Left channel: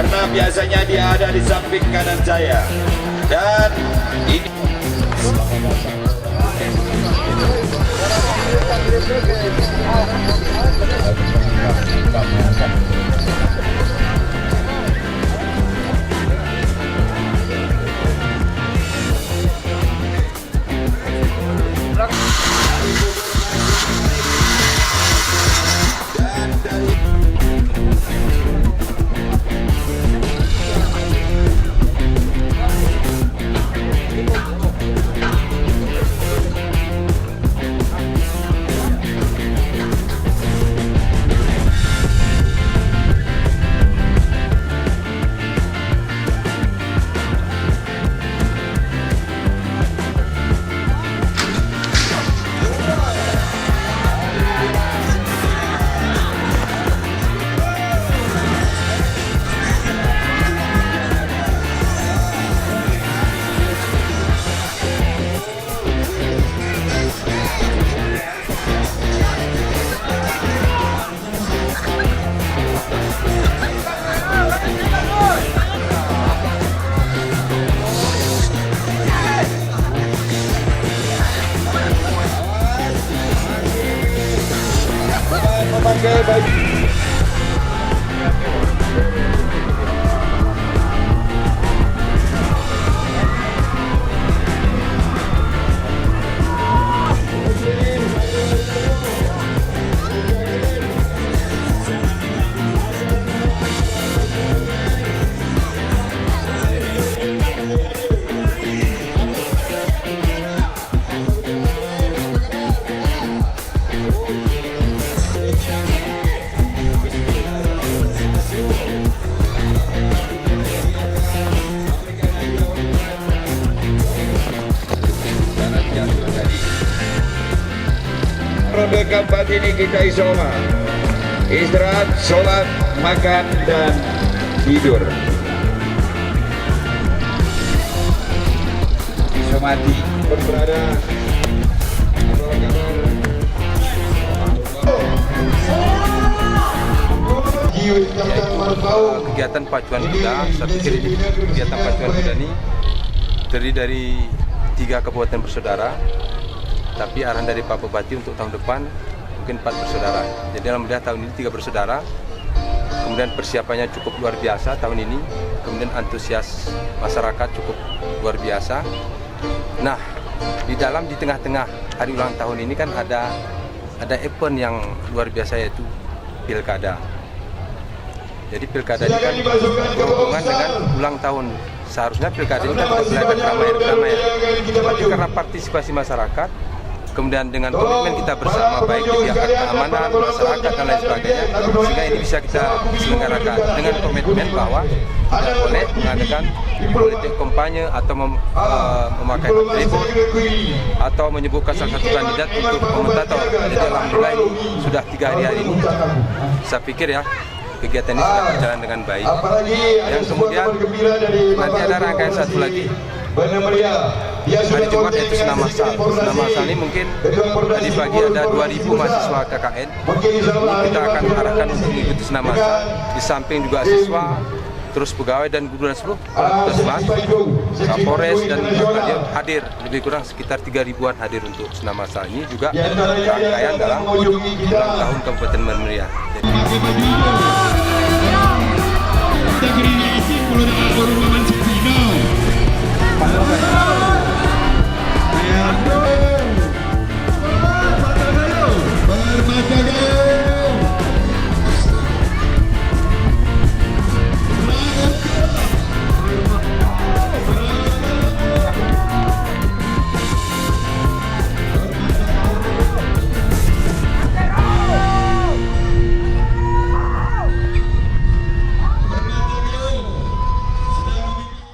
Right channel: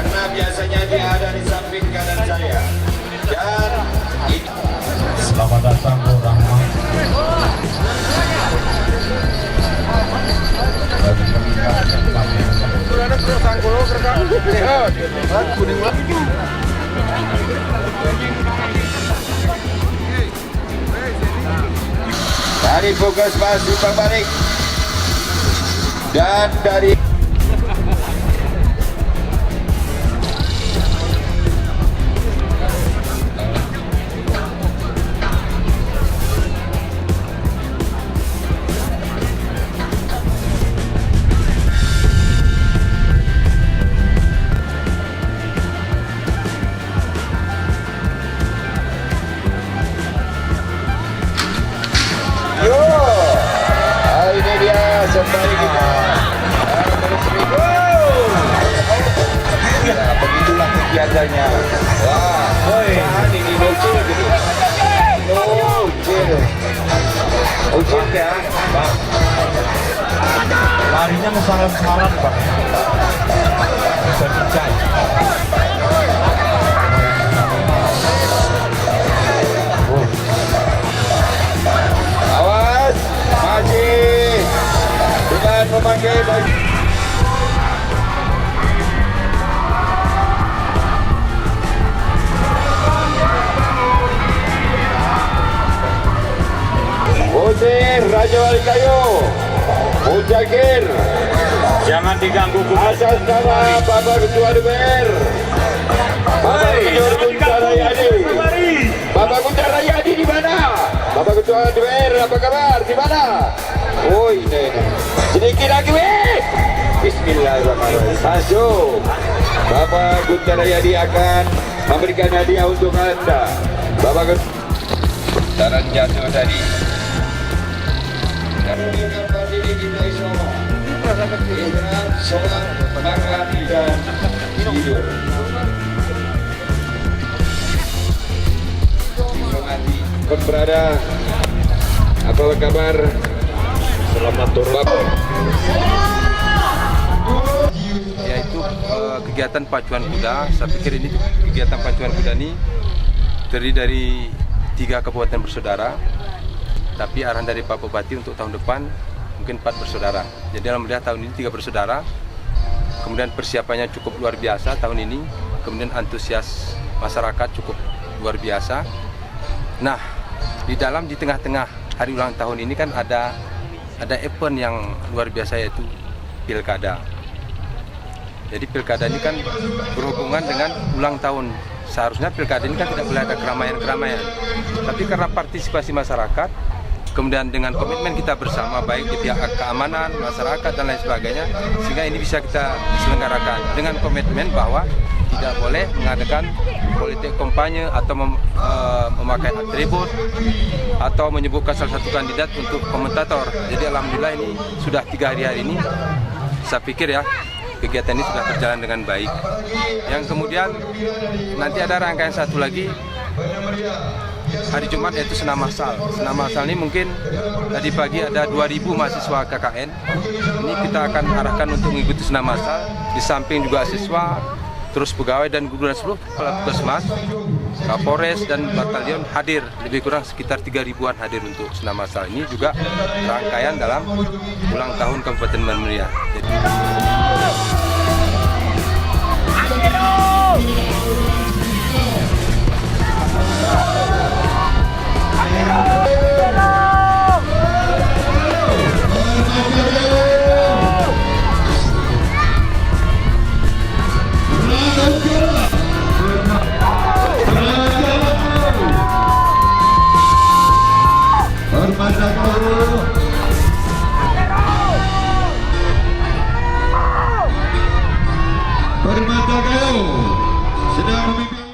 karena biasanya dia ada di samping kanan saya. Dan ini selamat datang orang. Dari fokus masih berbalik dan dari larinya sangat semangat, Pak. awas, masih bukan memakai baju. Musir, Raja Wali Kayu, Mujagir, Jangan diganggu atas nama Bapak Ketua DPR, Bapak Ketua Rayadi, Bapak Ketua Rayadi di mana? Bapak Ketua DPR, apa kabar? Di mana? Oh ini, sedikit lagi, Bismillahirrahmanirrahim. Masuk, Bapak Ketua Rayadi akan memberikan hadiah untuk Anda. Bapak Ketua, tanah jatuh tadi. Ronde keempat ini kita isoma, istirahat, sholat, makan, dan tidur. Isomati pun berada. Apa kabar? Selamat turun. Yaitu kegiatan pacuan kuda. Saya pikir ini kegiatan pacuan kuda ini terdiri dari 3 kabupaten bersaudara. Tapi arahan dari Pak Bupati untuk tahun depan mungkin 4 bersaudara. Jadi alhamdulillah tahun ini 3 bersaudara. Kemudian persiapannya cukup luar biasa tahun ini. Kemudian antusias masyarakat cukup luar biasa. Nah, di tengah-tengah hari ulang tahun ini kan ada event yang luar biasa, yaitu pilkada. Jadi pilkada ini kan berhubungan dengan ulang tahun. Seharusnya pilkada ini kan tidak boleh ada keramaian-keramaian. Tapi karena partisipasi masyarakat, kemudian dengan komitmen kita bersama, baik di pihak keamanan, masyarakat, dan lain sebagainya, sehingga ini bisa kita selenggarakan dengan komitmen bahwa tidak boleh mengadakan politik kampanye atau memakai atribut atau menyebutkan salah satu kandidat untuk komentator. Jadi alhamdulillah ini sudah 3 hari ini, saya pikir ya, kegiatan ini sudah berjalan dengan baik. Yang kemudian nanti ada rangkaian satu lagi hari Jumat, yaitu senam massal. Senam massal ini mungkin tadi pagi ada 2.000 mahasiswa KKN. Ini kita akan arahkan untuk mengikuti senam massal. Di samping juga siswa, terus pegawai dan guru dan seluruh kepala puskesmas, Kapolres dan batalion hadir. Lebih kurang sekitar 3.000-an hadir untuk senam massal. Ini juga rangkaian dalam ulang tahun Kabupaten Muara Enim.